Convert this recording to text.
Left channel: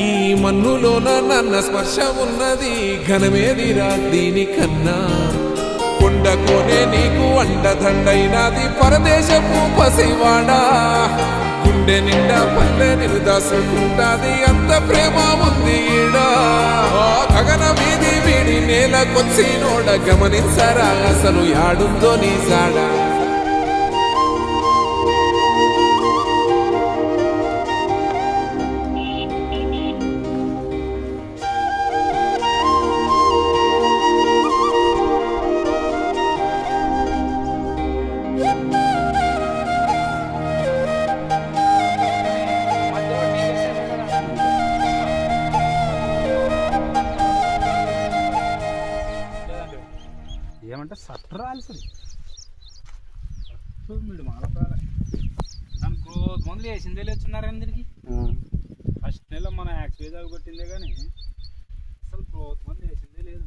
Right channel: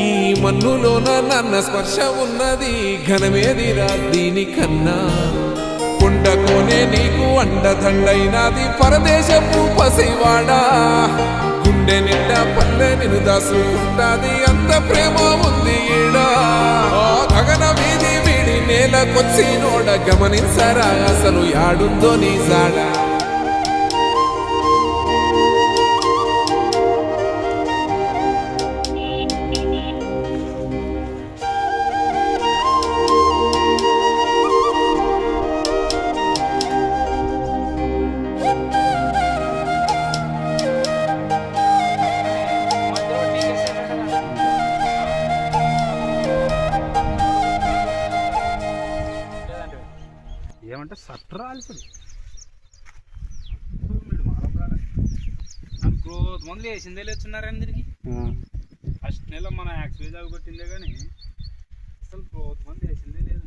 ఈ మన్నులోన నన్న స్పర్శ ఉన్నది ఘనమేదిరా దీనికన్నా కొండకోనే నీకు అండదండైనది పరదేశపు పసివాడా గుండె నిండా పల్లె నిన్ను దాసుకుంటాది అంత ప్రేమ ఉంది ఈడా గగన వీధి వీడి నేలకొచ్చి నోడ గమనించరా అసలు యాడుందో నీ జాడా ఏమంటే సట్రాల్సింది గ్రోత్ మందులు వేసిందే లేచున్నారని తిరిగి ఫస్ట్ నెల మన యాక్సిడెంట్ కొట్టిందే కానీ అసలు గ్రోత్ మందు వేసిందే లేదు